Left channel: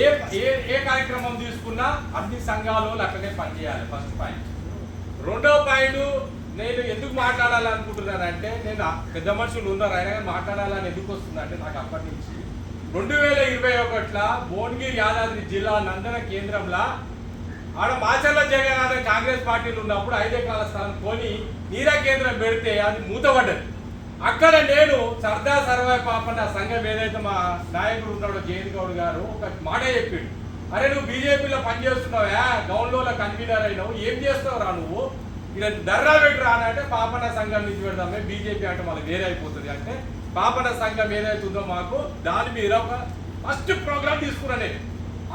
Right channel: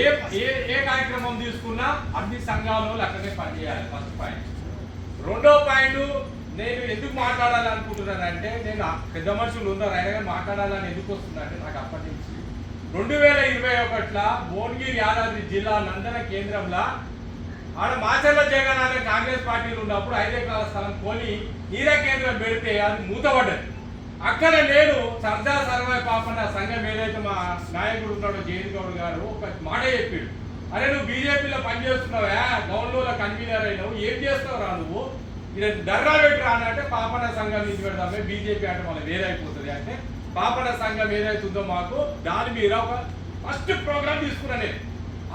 ఏ ఏ ఏ కార్యక్రమం తీసుకున్నా అన్ని సంఘాలు అట్లనే పనిచేయాలి. First point. రెండో పాయింట్, నేను ఎందుకు మాట్లాడాలనుకుంటున్నానంటే, నేను పెద్ద మనుషులు ఉన్నారు ఆయన మాట్లాడాలని ఎందుకు వస్తుందంటే, నాకు అప్పటి నుంచి 2021 భువనగిరి యాదాద్రి జిల్లా నందన కేంద్రంలో ఆడ మాచర్ల జగన్ కాంగ్రెస్ పార్టీలు ఉన్నప్పుడు 5 ఎకరాల స్థలం కొని నీరా కేంద్రం పెడితే అది మూతపడ్డది. అక్కడ నేను సర్దార్ సర్వాయి పాపన్న సంఘం ఏదైతే మా నాయకుడు ఉన్నాడో జయంత్ గౌడ్ గారు ఒక మాట చెప్పాడు, అరే నువ్వు బీజేపీలో పనిచేస్తున్నావా, గౌన్లో కన్వీనర్ అయినావు, ఏం చేస్తావు రా నువ్వు, ఇక్కడ దర్రా పెట్టి రానంటే పాపన్న సంఘం నుంచి పెడదామే, బీజేపీ అంటే మళ్ళీ వేరే అయిపోతుంది అంటే పాపన్న సంఘం ఏదైతే ఉందో మాకు దాని మీద ఒక ఫస్ట్ ప్రోగ్రామ్ తీసుకున్నా. నేను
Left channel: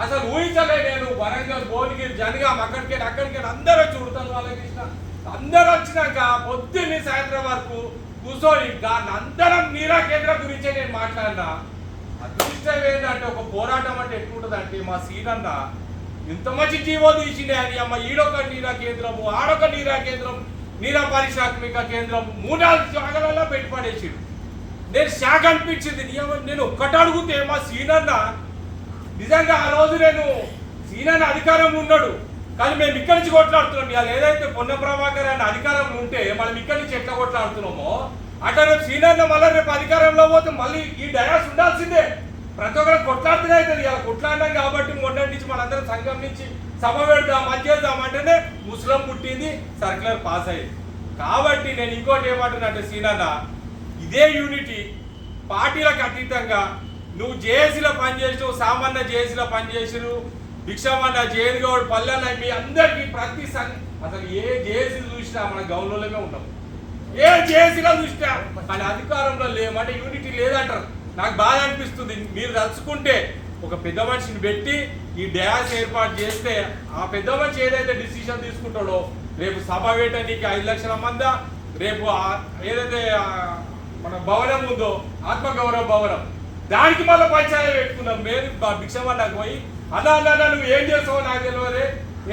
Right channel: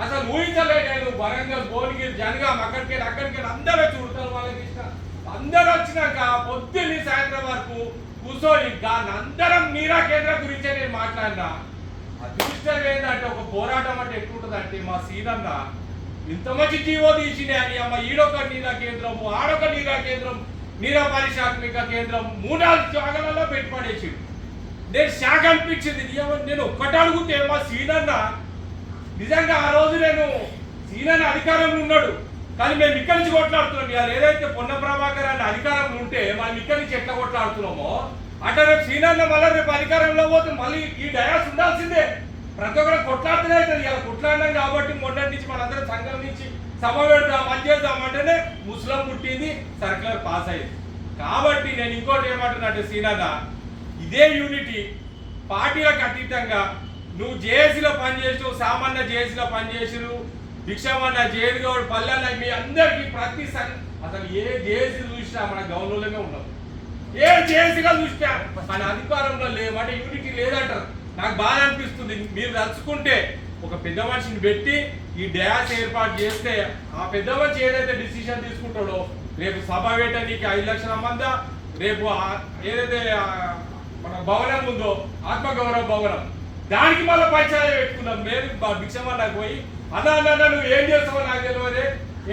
అసలు ఊహించలే, నేను వరంగల్ భువనగిరి జనగాం అక్కడికి అందరూ వచ్చి ఉడతాను వాళ్ళకి ఇష్టం, అందరూ వచ్చినాక పొద్దున్నే సాయంత్రం వరకు కూర్చొని దాన్ని అందరం నీరా కేంద్రం గురించే నేను మాట్లాడినా. అదృష్టం ఏంటంటే ఒక పోరాటం అంటే ఎక్కువ ఉంటుందంటే మా సీనన్న ఇంత మంచి జీవో తీసిండే అని అమ్మ ఈడొక నీరా కేంద్రము ఆడొక నీరా కేంద్రం నీరా పారిశ్రామిక కేంద్రం 3-4 జాగాలలో పెట్టుబడేసి నేను షాక్ అనిపించింది. నేను ఒక్కటి అడుగుతే మా సీనన్న నిజంగా ఆ రోజు నేను సీనన్న అధికారంలో ఉన్నాడు కానీ మేము ఇక్కడి నుంచి కొట్లాడుతున్నాం. ఏదైతే పొన్న ప్రభాకర్ అనే అధికారంలో ఉంటే మనం ఇక్కడి నుంచి ఎట్లా కొట్లాడుతున్నామో అట్లా రేపు సీనన్న మళ్ళీ రేపు అధికారంలో పోతే మళ్ళీ ఈ డయాస్ ఉండాల్సిందే. ప్రతి ఒక్కరు కొట్లాడుతూనే అవుతుంది. ఇలా కొట్లాడినాం కాబట్టి మొన్నటి నుంచి మనందరం సంఘం నుంచి సభ పెడదాం అది చేద్దాం అంటేనే ముస్లిం పుట్టింది, సర్క్యులర్ పాస్ అయ్యింది. కాబట్టి నేను ఇంకోటి ఏమంటున్నట్టు సీనన్న, ఇదే యూనిటీ పార్టీలకు అతీతంగా నువ్వు జేఏసీలో పనిచేసావు, సామాన్య జేఏసీలో పనిచేసావు, భిక్షమన్న జైలు గౌడ్ పల్లెల మీ అందరికీ ప్రతి అసలు ఏ జేఏసీ చూసినా మన గౌరవంలోనే ఉన్నాం, ఏ జేఏసీలో చూసినా కానీ అధికారంలో లేమంటే యూనిటీ లేదంటారు. నాకు బాగా అనిపిస్తుంది. మీరు తలుచుకుంటే ఒక పెద్ద మనిషిని పెట్టి ఈ డ్యాష్ ఏర్పాటు చేస్తే ఆ పెద్ద మనిషి ఏదైతే డిసిషన్ తీసుకుంటాడో రేపు సభ వేయటానికి 5 లక్షల మంది, రేపు ఏదైతే మన భవనం ఉందో ఆత్మగౌరవ భవనం దానికి మళ్ళీ పంచాయతీ పెట్టుకున్నాం. మేము భిక్షమన్నకు పోయి అలా నువ్వు ఏం చేస్తావో నాకు తెలియదు,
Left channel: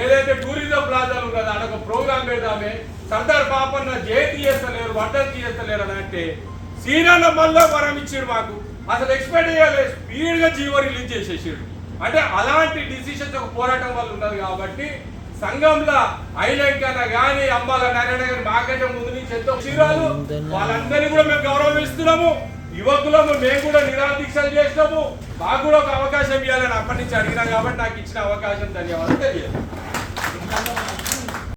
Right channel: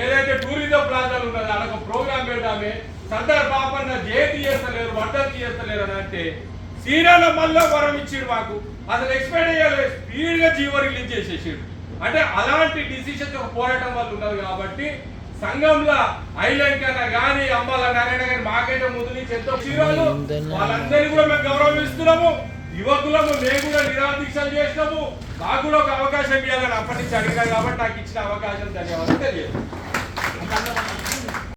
ఏదైతే టూరిజం ప్లాజాలు ఉన్నదో అక్కడ ఒక ప్రోగ్రామ్ పెడదామే, సర్దార్ పాపన్న జయంతి చేస్తలేరు, వర్ధంతి చేస్తలేరు అని అంటే సీనన్న మళ్ళీ వరం ఇచ్చాడు మాకు. అసలు ఎక్స్పెక్ట్ చేయలేదు, స్పీడ్గా జీవో రిలీజ్ చేసేసాడు. అంటే అలాంటి డిసిషన్స్ ఒక పోరాటం వల్ల ఉన్నది. కాబట్టి సంఘంలో హైలైట్ అన్న కానీ అమ్మాల నారాయణ గారి మాకంటే ముందు నుంచి ఎంతో క్షీరాలు వాళ్ళందరినీ కూడా మేము గౌరవిస్తున్నాము. యువకులము మేము కూడా నిరాదీక్షలు చేసినాము. మాకు కూడా ఒక అవకాశం ఇవ్వాలని అప్పటి నుంచి అడిగినా కాబట్టి నాకు ఇచ్చిన అవకాశం ధన్యవాదాలు తెలియదు.